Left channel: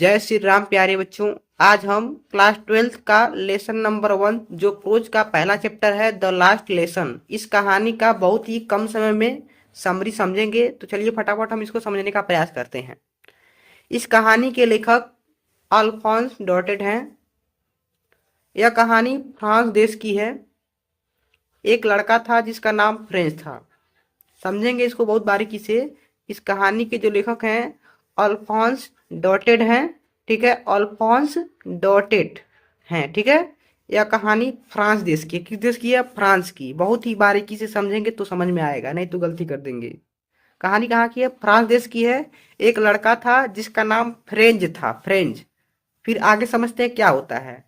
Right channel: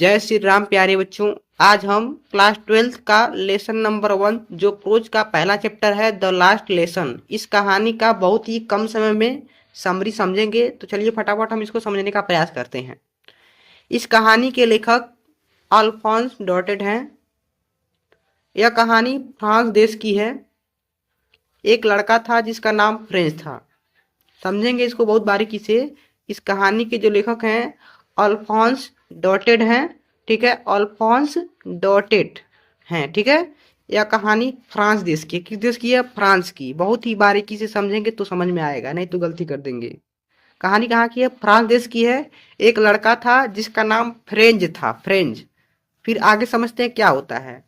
जय श्री राम प्यारे बच्चों। आज हम क्लास 12th का लेसन नंबर 1 जो प्रोज का पहला चैप्टर है द लास्ट लेसन, इस कहानी का बहुत ही कम समय में समरी समझेंगे। तो चलिए फटाफट हम इसको समझने का प्रयास करते हैं। इस कहानी के लेखक अल्फॉन्स डॉटेड हैं। यह कहानी फ्रांस देश की है। एक लड़का था जिसका नाम फ्रेंच था। समझेंगे इसको बहुत बारीकी से। इस कहानी के जो लेखक हैं अल्फॉन्स डॉटेड हैं। ठीक है, अल्फॉन्स डॉटेड हैं। ठीक है, यह कहानी फ्रांस देश की, किस देश की है? फ्रांस की। बहुत ही बारीकी से समझेंगे तो समझ में आएगा, नहीं तो गलती कर देंगे। कहानी कहाँ की है? फ्रांस देश की है। एक लड़का था जिसका नाम फ्रेंच था, फ्रेंच। फिर आगे समझते हैं क्या होता है।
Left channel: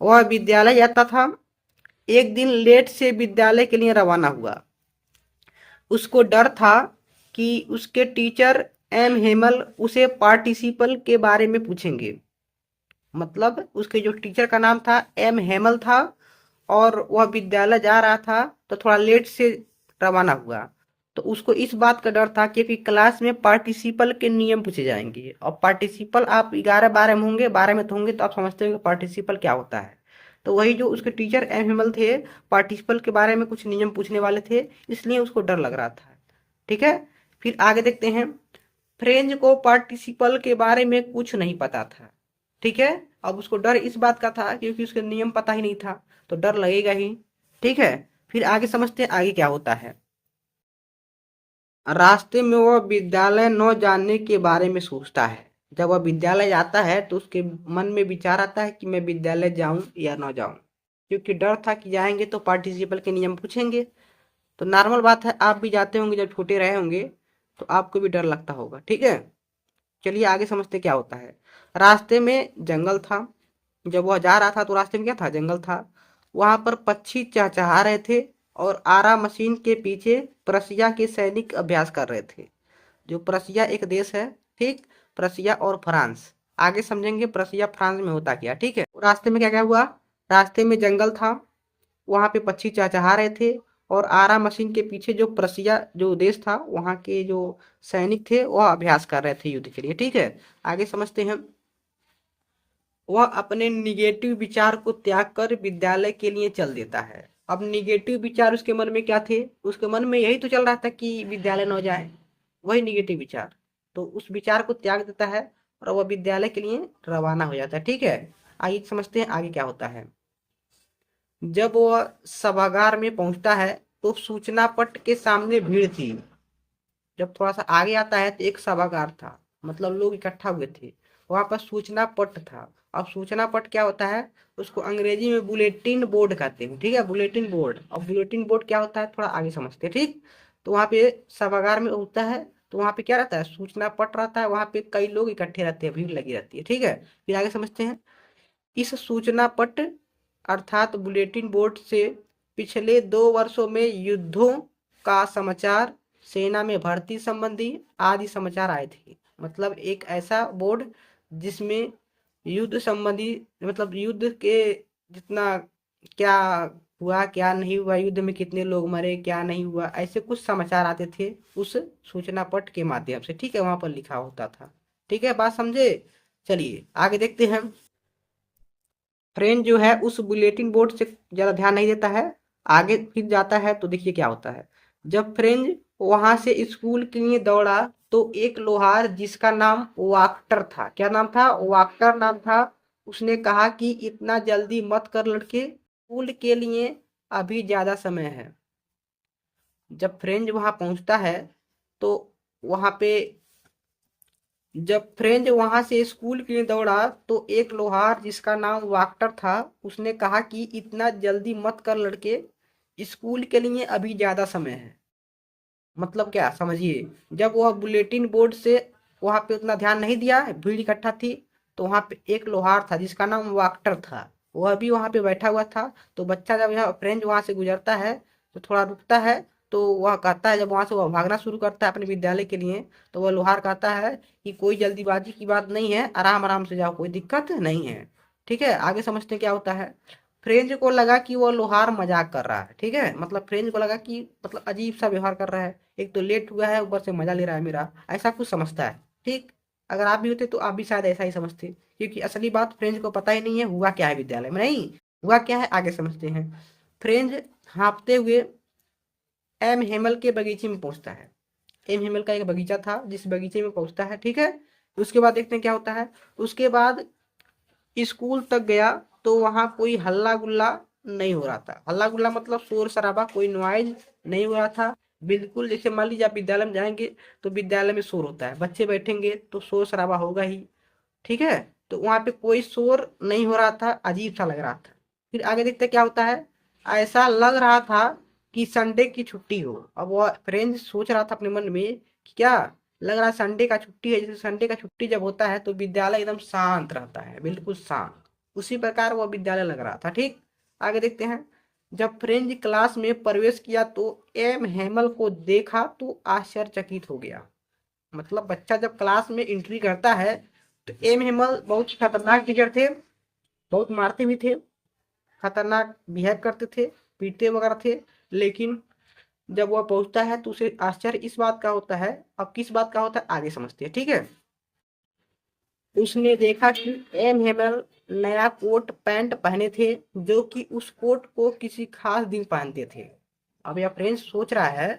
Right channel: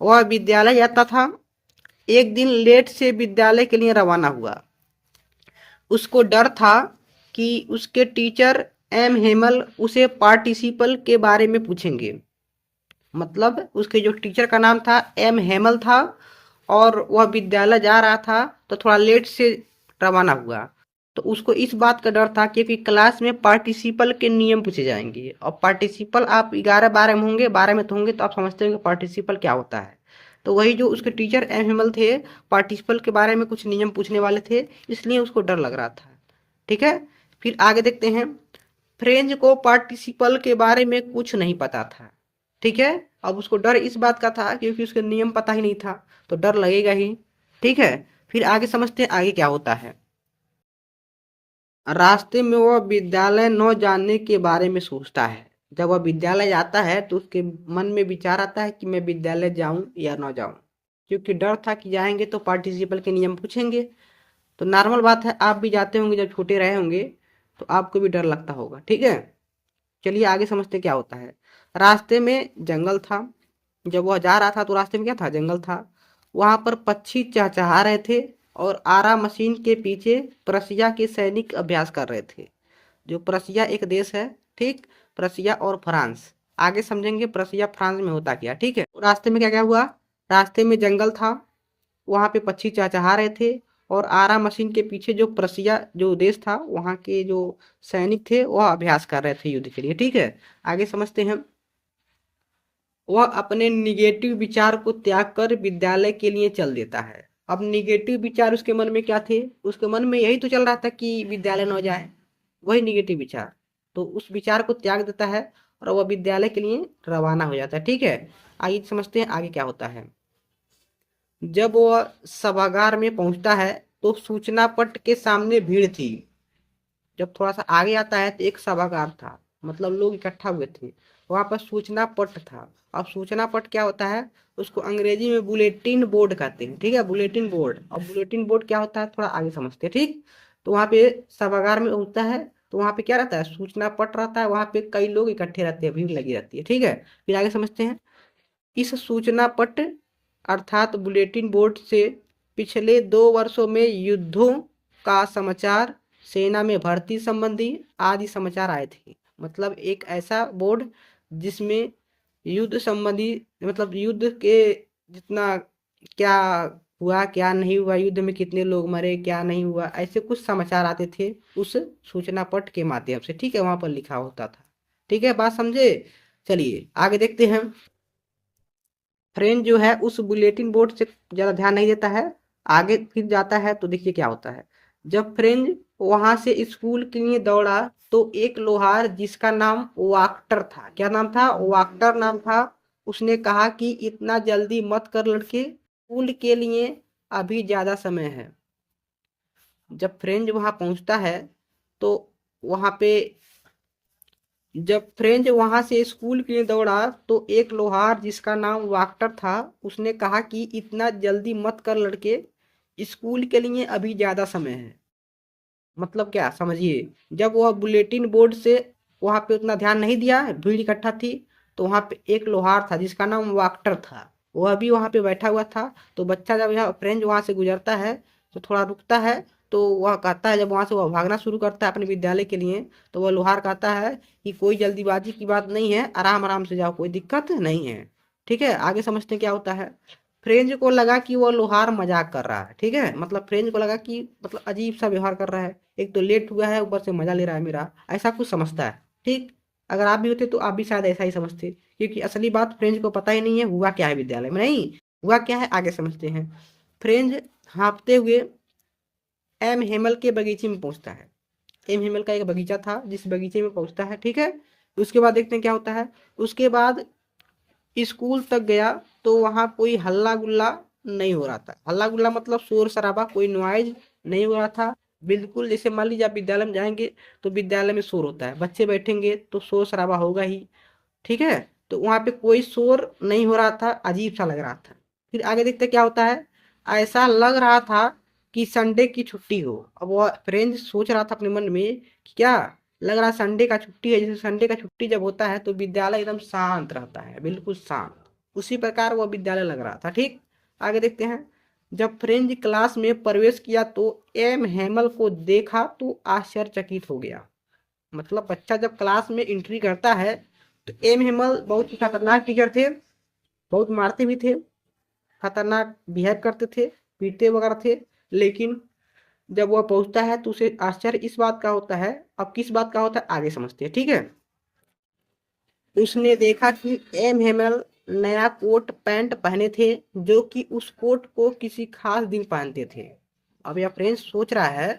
वह विद्यालय जाता था। एक दिन लेट से विद्यालय के लिए रवाना हुआ। उसको डर था कि उसके टीचर एम हेमल उसे पार्टिसिपल के बारे में पूछेंगे। मतलब उसके जो टीचर का नाम था एम हेमल था और वह विद्यालय जा रहा था तो थोड़ा लेट से रवाना हुआ। तो उसको इस बात का डर था क्योंकि क्लास में पार्टिसिपल के नियम पूछे जाएंगे। और पार्टिसिपल आप 11-12 में होंगे, 12 में तो होंगे, तो आप समझते होंगे पार्टिसिपल क्या होता है। तो वही जो उसके टीचर एम हेमल थे, पार्टिसिपल के बारे में कुछ नियम पूछने वाले थे, इसलिए उसको डर लग रहा था। ठीक है, फिर आगे देखते हैं। फ्रेंच को पार्टिसिपल के बारे में कुछ नहीं पता था। ठीक है, अब उसको डर इस बात का था क्योंकि उसके नियम पता ही नहीं था, तो डर लगेगा ही। ठीक है, फिर आगे समझते हैं आगे क्या होता है। रास्ते में वह विद्यालय न जाने के बारे में सोचता है। जब वह विद्यालय जाता है तो उसके मन में विचार आता है कि मैं विद्यालय जाऊं या ना जाऊं, क्योंकि डर था कि जाएंगे तो पार्टिसिपल के नियम पूछेंगे। तो नॉर्मल बात है, आप भी जाते होंगे जब छोटे रहे होंगे तो आपको भी डर लगता होगा। ठीक है, चलिए आगे समझते क्या होता है। रास्ते में जंगल था। जब वह जा रहा था तो रास्ते में क्या था? जंगल था। वहां पर पक्षी चहचहा रहे थे और आरा मशीन के पीछे प्रसिया के सैनिक अभ्यास कर रहे थे। जो प्रसिया एक देश है, ठीक, प्रसिया और फ्रांस। आगे समझेंगे प्रसिया फ्रांस में होता क्या। ठीक है, रास्ते में क्या क्या हुआ। रास्ते में जंगल था, वहां पे पक्षी चहचहा रहे थे और आरा मशीन के पीछे जो प्रसिया जो देश था वहां के जो सैनिक थे वह अभ्यास कर रहे थे युद्ध के लिए। ठीक है, आगे समझते हैं। वह अपने निगेटिव विचार को त्याग कर विद्यालय के लिए चल देता है। अब निगेटिव विचार उसके मन में क्या थे? उसके मन में यही तो चल रहा था कि विद्यालय न जाए, वही निगेटिव विचार। तो उस विचार को त्याग देता है और वह विद्यालय के लिए रवाना हो जाता है। ठीक है, आइए समझते हैं आगे क्या होता है। जब वह सभागार में पहुंचता है तो सूचना पट के सामने भीड़ थी। जब थोड़ा सा आगे आता है तो एक सभागार था, मतलब लोग इकट्ठा हुए थे। वहां पर सूचना पट था। अब सूचना पट क्या होता है? उसको अंग्रेजी में बुलेटिन बोर्ड कहते हैं। ठीक है, बुलेटिन बोर्ड। अब बुलेटिन बोर्ड क्या होता है थोड़ा आगे समझते हैं। ठीक, तो वहां पे सभागार में होता है तो वहां पे क्या रहता है? सूचना पट रहता है, वहां पे कई लोग इकट्ठे रहते हैं, भीड़ लगी रहती है। ठीक है, फिर आगे समझते हैं। इस सूचना पट अर्थात बुलेटिन बोर्ड से पिछले 2 वर्षों में युद्धों का समाचार, सेना में भर्ती संबंधी आदि समाचार आए थे। मतलब एक ऐसा बोर्ड जिसमें युद्ध संबंधी, मतलब युद्ध के जितना क्या हुआ क्या नहीं हुआ, युद्ध में कितने लोग मरे क्या नहीं हुआ, ऐसे कुछ समाचार आते थे उस सूचना पट के माध्यम से। ठीक है, वहां पर लिखा होता था। ठीक है, बात समझे? चलिए आगे देखते हैं। फ्रेंड जो है उस बुलेटिन बोर्ड से ज़्यादा ध्यान नहीं देता है। आगे फिर जाता है तो देखिए क्या होता है। जब फ्रेंड वहां से स्कूल के लिए दौड़ा तो एक लोहार जिसका नाम वाक्टर था, क्या नाम था? वाक्टर नाम था। उसने कहा कि इतना जल्दी मत कर लड़के, स्कूल के लिए अभी ज़्यादा समय है। जब फ्रेंड वहां पहुंचता है तो वहां पे जब फ्रेंच वहां से स्कूल के लिए दौड़ा तो एक लोहार जिसका नाम वाक्टर था उसने कहा कि इतना जल्दी मत कर लड़के, स्कूल के लिए अभी ज्यादा समय है। मतलब क्या समझिए। जब वह बुलेटिन बोर्ड से वहां पे उतना ध्यान नहीं दिया, भीड़ इकट्ठा थी, तो वहां पे एक लोहार था जिसका नाम वाक्टर था, वह भी वहां पे बैठा हुआ था। तो बच्चा जब यहाँ फ्रेंच वहां से गुजरता है तो थोड़ा रुकता है। तो वह कहता है, जब वहां से वह भागना शुरू करता है अपने विद्यालय के लिए, तो वह लोहार कहता है कि कोई जल्दीबाजी की बात नहीं है, आराम आराम से जाओ, कोई दिक्कत नहीं है। ठीक है, आगे समझते हैं क्या होता है। फ्रेंच को लगा कि वो लोहार मजाक कर रहा है। ठीक है, मतलब फ्रेंच को लगा कि मतलब अजीब सा व्यवहार कर रहा है, एक तो लेट हुआ है ऊपर से मजा ले रहा है मेरा, ऐसा कुछ समझता है। ठीक, अगर आप भी होते तो आप भी शायद ऐसा ही समझते, क्योंकि असली बात फ्रेंच को पता ही नहीं है हुआ क्या है विद्यालय में। नहीं, हुआ क्या है आगे समझते हैं। फ्रेंच हाँफते हुए एम हेमल के बगीचे में पहुंचता है। एम हेमल का एक बगीचा था जिस बगीचे में पहुंचता है, ठीक है। उसके बाद देखते हैं क्या होता है। उसके बाद स्कूल तक गया तो वहां कोई हल्ला गुल्ला नहीं हो रहा था। हल्ला गुल्ला मतलब शोर शराबा, कोई नॉइज नहीं हो रहा था। बिल्कुल जैसे मान लीजिए आप विद्यालय में जाएंगे तो विद्यालय में शोर होता है, बच्चे बैठेंगे तो शोर शराबा होगा ही, ठीक है। तो वहां पे कोई शोर नहीं हो रहा था, अजीब सा लग रहा था। फिर आगे देखते क्या होता है। ऐसा लग रहा था कि संडे की छुट्टी हो। अब वो फ्रेंच सोच रहा था अपने मन में कि क्या लग रहा है, संडे का छुट्टी है। जैसे संडे का छुट्टी जब होता है तो विद्यालय एकदम शांत रहता है, बिल्कुल शांत। उसी प्रकार वो विद्यालय लग रहा था, ठीक। आगे देखते हैं। जब फ्रेंच क्लास में प्रवेश किया तो एम हेमल को देखा तो आश्चर्यचकित हो गया। मतलब बच्चा जब क्लास में एंट्री करता है तो एम हेमल बहुत ही खतरनाक टीचर थे, बहुत मारते भी थे, खतरनाक बिहेव करते थे, पीटते वगैरह थे। लेकिन जब वह पहुंचता है तो उसे आश्चर्य इस बात का होता है। अब किस बात का होता है आगे समझते हैं, ठीक है। उसने देखा कि एम हेमल नया कोट पैंट पहने थे, जो कि उस कोट को किसी खास दिन पहनते थे। अब यह फ्रेंच सोच रहा है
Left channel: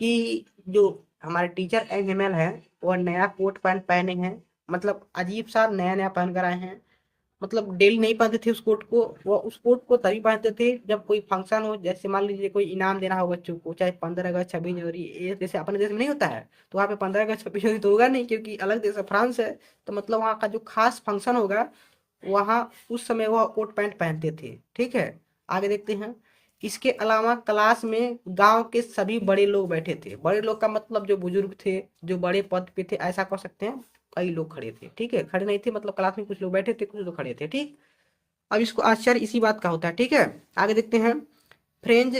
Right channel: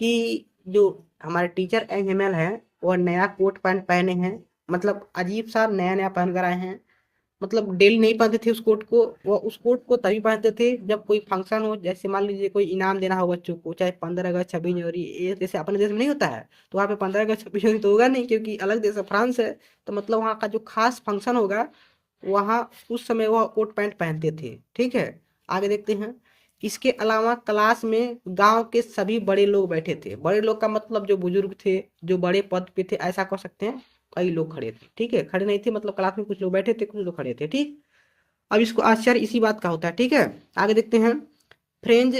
कि जो हमारे टीचर एम हेमल है वह नया कोट पैंट पहने हैं, मतलब अजीब सा नया नया पहन कर आए हैं। मतलब डेली नहीं पहनते थे उस कोट को, वो उस कोट को तभी पहनते थे जब कोई फंक्शन हो। जैसे मान लीजिए कोई इनाम देना हो बच्चों को, चाहे 15 अगस्त 26 जनवरी, ये जैसे अपने देश में नहीं होता है। तो वहाँ पे 15 अगस्त 26 जनवरी तो होगा नहीं, क्योंकि अलग देश है, फ्रांस है। तो मतलब वहाँ का जो खास फंक्शन होगा वहाँ उस समय वह कोट पैंट पहनते थे, ठीक है। आगे देखते हैं। इसके अलावा क्लास में गांव के सभी बड़े लोग बैठे थे। बड़े लोग का मतलब जो बुजुर्ग थे, जो बड़े पद पे थे, ऐसा कह सकते हैं। कई लोग खड़े थे, ठीक है, खड़े नहीं थे मतलब क्लास में कुछ लोग बैठे थे, कुछ लोग खड़े थे, ठीक। अब इसको आश्चर्य इसी बात का होता है, ठीक है। आगे देखते हैं। फ्रेंच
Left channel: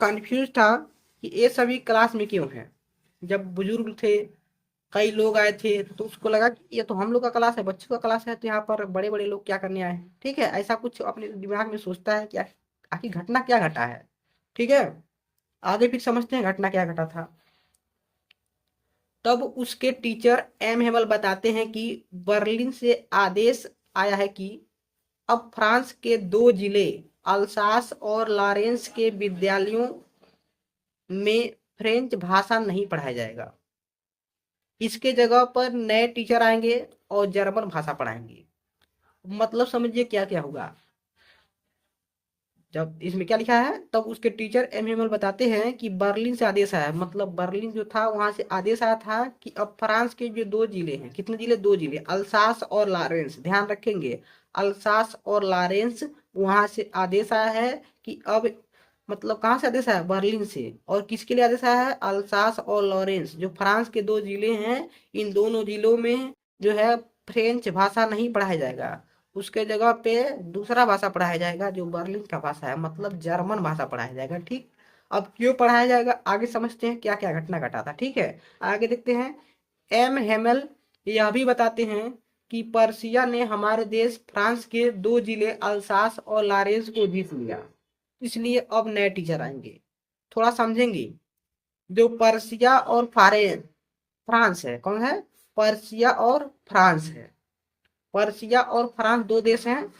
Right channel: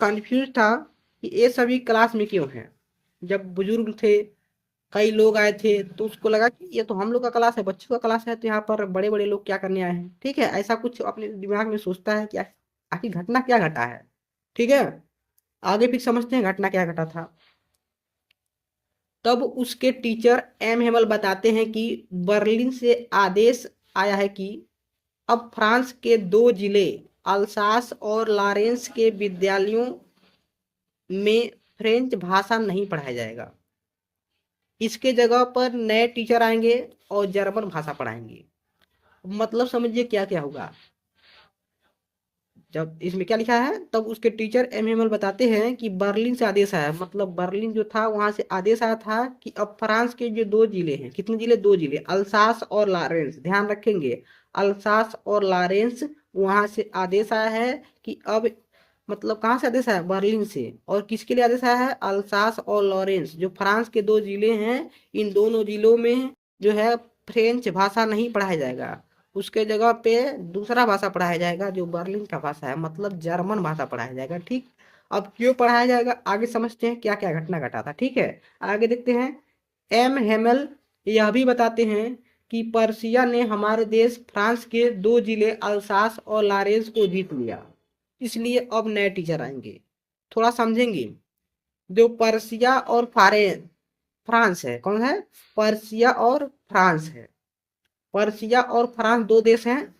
कंफ्यूज था कि ये सभी क्लास में क्यों है। जब बुजुर्ग थे, कई लोग आए थे, तो उसको लगा कि ये तो हम लोग का क्लास है, बच्चों का क्लास है, तो यहाँ पर बड़े बड़े लोग क्या करने आए हैं, ठीक है। ऐसा कुछ अपने दिमाग में सोचता है कि आखिर घटना क्या घटा है, ठीक है। आगे फिर समझते हैं घटना क्या घटा था। तब उसके टीचर एम हेमल बताते हैं कि बर्लिन से आदेश आया है कि अब फ्रांस के 2 जिले अल्सास और लॉरेंस के विद्यालयों में फ्रेंच भाषा नहीं पढ़ाया जाएगा। इसके जगह पर नए टीचर आएंगे और जर्मन भाषा पढ़ाएंगे। मतलब समझिए क्या क्या होगा। जब इसमें क्या लिखा है, तब उसके टीचर एम एमएल बताते हैं कि बर्लिन से आदेश आया, मतलब बर्लिन जो था वहां से आदेश आया था कि अब फ्रांस के जो 2 जिले हैं, कितने जिले, 2 जिले, अल्सास और लॉरेंस, ध्यान रखेंगे, अल्सास और लॉरेंस, वहां से आदेश आया है कि अब, मतलब कहाँ से आदेश आया, बर्लिन से। और किसके लिए आदेश आया है, अल्सास और लॉरेंस, जो फ्रांस के 2 जिले हैं, इन दोनों जिलों में जो है फ्रेंच भाषा नहीं पढ़ाया जाएगा। उसके जगह पे दूसरा भाषा पढ़ाया जाएगा जो बर्लिन का भाषा है, मतलब जर्मन भाषा पढ़ाया जाएगा, ठीक। अब क्यों पढ़ाया जाएगा आगे समझते हैं क्या क्या घटना घटा था, ठीक है। आगे देखते हैं। एम हेमल यह भी बताते हैं कि पर्सिया ने हमारे देश फ्रांस के 2 जिले अल्सास और लॉरेंस को जीत लिया, इसलिए अब नए टीचर आएंगे। थोड़ा समझेंगे। जो पर्सिया और फ्रांस है, कौन है, पर्सिया और फ्रांस है। पर्सिया और फ्रांस 2 देश हैं।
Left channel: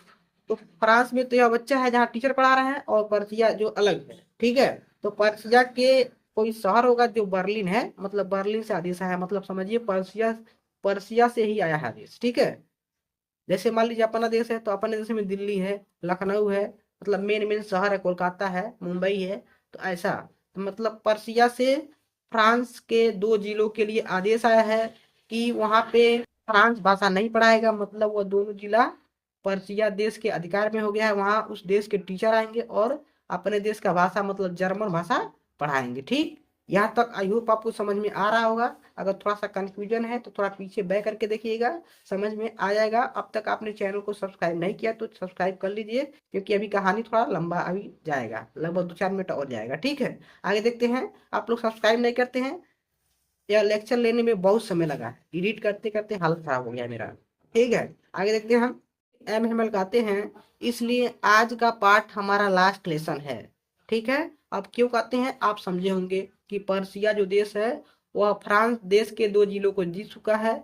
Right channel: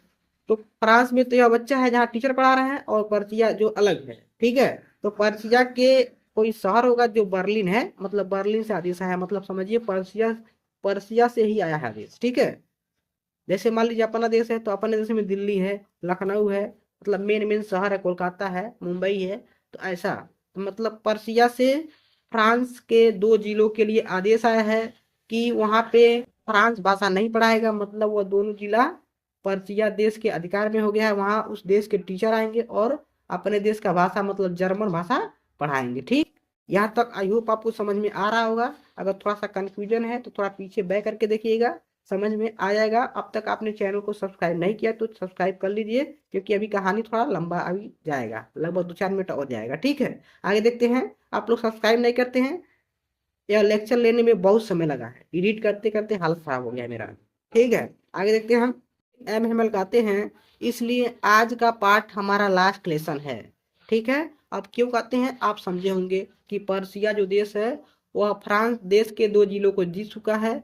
तो फ्रांस में तो यह बच्चा है जहाँ टीचर पढ़ा रहे हैं, और पर्सिया जो अलग है, ठीक है। तो पर्सिया के कोई शहर होगा जो बर्लिन है, मतलब बर्लिन से आदेश आया है, मतलब समझिए पर्सिया, पर्सिया से ही आया है आदेश, ठीक है। जैसे मान लीजिए अपना देश है तो अपने देश में दिल्ली है, लखनऊ है, मतलब मेन मेन शहर है, कोलकाता है, मुंबई है। तो ऐसा, मतलब पर्सिया से फ्रांस के 2 जिलों के लिए आदेश आया है कि वहां पे फ्रांस भाषा नहीं पढ़ाएगा, मतलब वो दोनों जिला पर्सिया देश के अधिकार में हो गया है। वहां उस देश के टीचर आएंगे और अपने देश का भाषा मतलब जर्मन भाषा पढ़ाएंगे, ठीक। यहाँ तक आई होप आपको समझ में आ रहा होगा। अगर थोड़ा सा कंफ्यूजन है तो थोड़ा पीछे बैक करके देखिएगा, समझ में आ जाएगा। अब तक आपने चैनल को सब्सक्राइब नहीं किया तो सब्सक्राइब कर लीजिए, क्योंकि अभी कहानी थोड़ा लंबा अभी जाएगा, लगभग 2-4 मिनट और जाएगा, ठीक है। आगे देखते हैं। आप लोग सब्सक्राइब नहीं करते हैं। यह लेक्चर लेने में बहुत समय लगा है, एडिट करते करते हालत खराब हो गया है मेरा, ठीक है। आगे देखते हैं हम। एम हेमल कहते हैं इसलिए आज का पाठ हमारा लास्ट लेसन है, ठीक है। अब क्यों कहते हैं आप समझे होंगे कि पर्सिया जो देश है वह फ्रांस देश के 2 जिलों को जीत चुका है,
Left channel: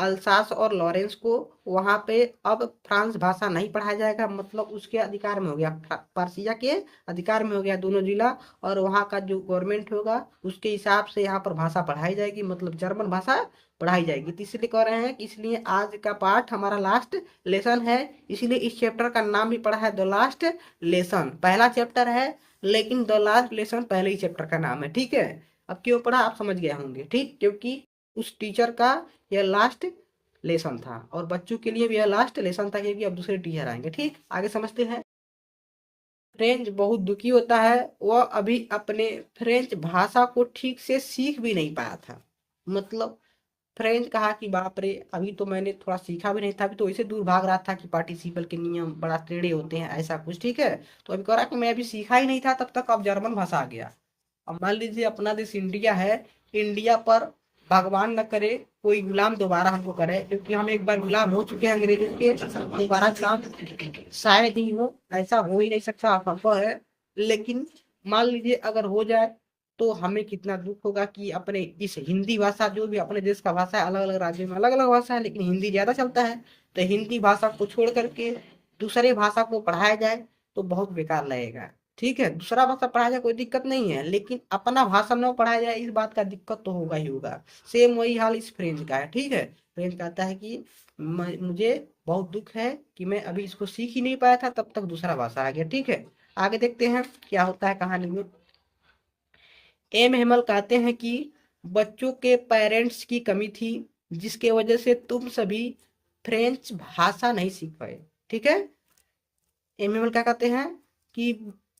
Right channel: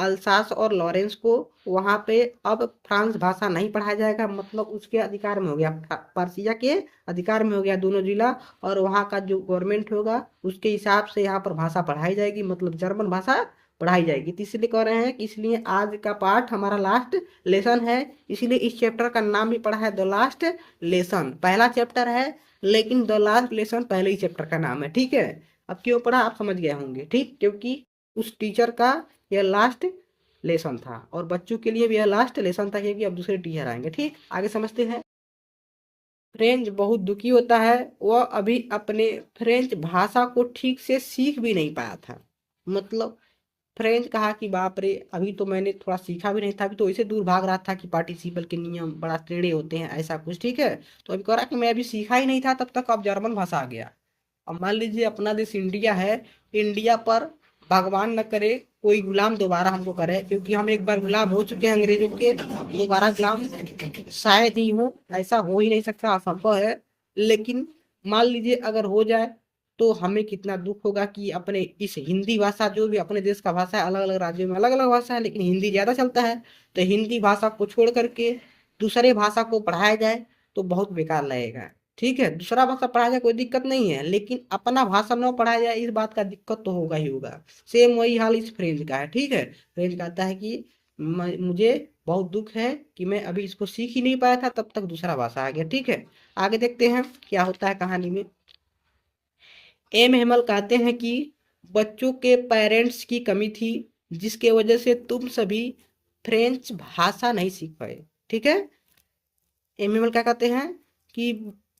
अल्सास और लॉरेंस को वहाँ पे अब फ्रांस भाषा नहीं पढ़ाया जाएगा, मतलब उसके अधिकार में हो गया, पर्सिया के अधिकार में हो गया दोनों जिला। और वहाँ का जो गवर्नमेंट होगा उसके हिसाब से यहाँ पर भाषा पढ़ाई जाएगी, मतलब जर्मन भाषा पढ़ाई जाएगी। तो इसलिए कह रहे हैं कि इसलिए आज का पाठ हमारा लास्ट लेसन है, इसीलिए इस चैप्टर का नाम भी पड़ा है द लास्ट लेसन। पहला चैप्टर है लेकिन द लास्ट लेसन पहले ही चैप्टर का नाम है, ठीक है। अब क्यों पढ़ा आप समझ गए होंगे, ठीक, क्योंकि उस टीचर का यह लास्ट लेसन था और बच्चों के लिए भी यह लास्ट लेसन था, क्योंकि अब दूसरे टीचर आएंगे। ठीक, आगे समझते हैं। फ्रेंच बहुत दुखी होता है, वह अभी अपने फ्रेंच भाषा को ठीक से सीख भी नहीं पाया था। मतलब फ्रेंच कहा कि बाप रे, अभी तो मैंने थोड़ा सीखा भी नहीं था, अभी तो इसे दूर भाग रहा था कि पार्टिसिपल के नियम बड़ा टेढ़े होते हैं, ऐसा कुछ, ठीक है। तो अभी कह रहा कि मैं अभी सीखा ही नहीं था, तब तक अब जर्मन भाषा आ गया। अब मान लीजिए अपना देश इंडिया है, इंडिया पर भगवान न करे कोई गुलाम दोबारा हमको करे, क्योंकि हम एक बार गुलाम हो चुके हैं अंग्रेजों के, दोबारा गुलाम शायद ही हो, ऐसा हो ही नहीं सकता, असंभव है। लेकिन मान लीजिए अगर हो जाए तो हमें कितना दुख होगा कि अपने इस हिंदी भाषा, जो भी अपने देश का भाषा है, अलग अलग राज्यों में अलग अलग भाषा है लेकिन हिंदी ज्यादा चलता है, तो हिंदी भाषा को छोड़ करके दूसरे भाषा को पढ़ाया जाए तो बहुत बेकार लगेगा। ठीक है, दूसरा भाषा पढ़ाया जाए कोई दिक्कत नहीं है, लेकिन अपना भाषा न पढ़ाया जाए इस बात का दिक्कत तो होगा ही होगा। सेम वही हाल इस फ्रेंच का है, ठीक है। फ्रेंच कहता है कि मुझे बहुत दुख है कि मैं अभी इसको सीख ही नहीं पाया था, तब तक दूसरा भाषा आ गया, ठीक है। आगे देखते हैं क्या होता है कहानी में। एम हेमल कहते हैं कि बच्चों के पेरेंट्स की कमी थी, जिसके वजह से तुम सभी फ्रेंच भाषा नहीं सीख पाए, ठीक है। एम हेमल क्या कहते हैं कि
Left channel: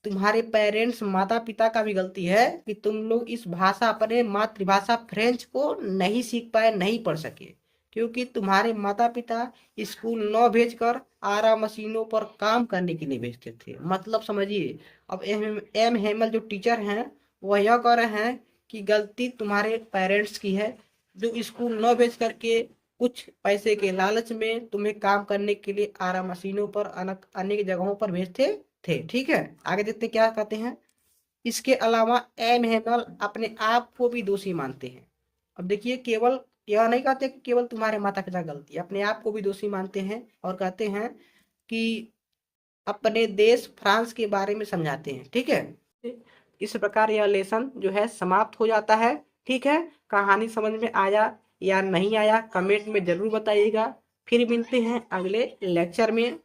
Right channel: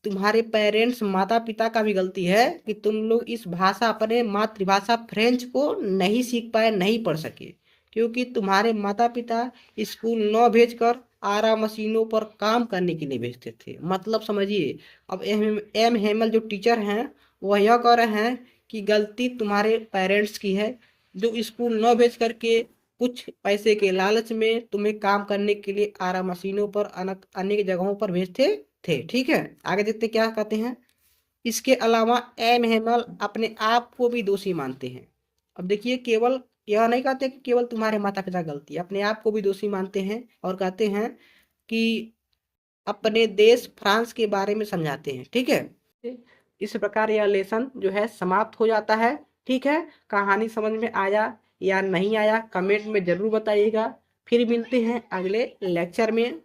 तुम्हारे पेरेंट्स, माता पिता का भी गलती है कि तुम लोग इस भाषा, अपने मातृभाषा फ्रेंच को नहीं सीख पाए, नहीं पढ़ सके, क्योंकि तुम्हारे माता पिता स्कूल न भेजकर आरा मशीनों पर काम करने के लिए भेजते थे। मतलब समझिए, अब एम हेमल जो टीचर हैं वह यह कह रहे हैं कि गलती तुम्हारे पेरेंट्स की है, जो स्कूल न भेज करके कुछ पैसे के लालच में तुम्हें काम करने के लिए आरा मशीनों पर अनेक जगहों पर भेजते थे, ठीक है। आगे देखते क्या कहते हैं। इसके अलावा एम हेमल अपने आप को भी दोषी मानते हैं। अब देखिए, केवल यह नहीं कहते कि केवल तुम्हारे माता पिता गलती, अपने आप को भी दोषी मानते हैं और कहते हैं कि अपने देश फ्रांस के बारे में समझाते हैं, ठीक है। इस प्रकार यह लेसन जो है समाप्त हो जाता है, ठीक है। कहानी समझ में आया या नहीं आया कमेंट में जरूर बताइएगा। फिर मिलते हैं अगले लेक्चर में।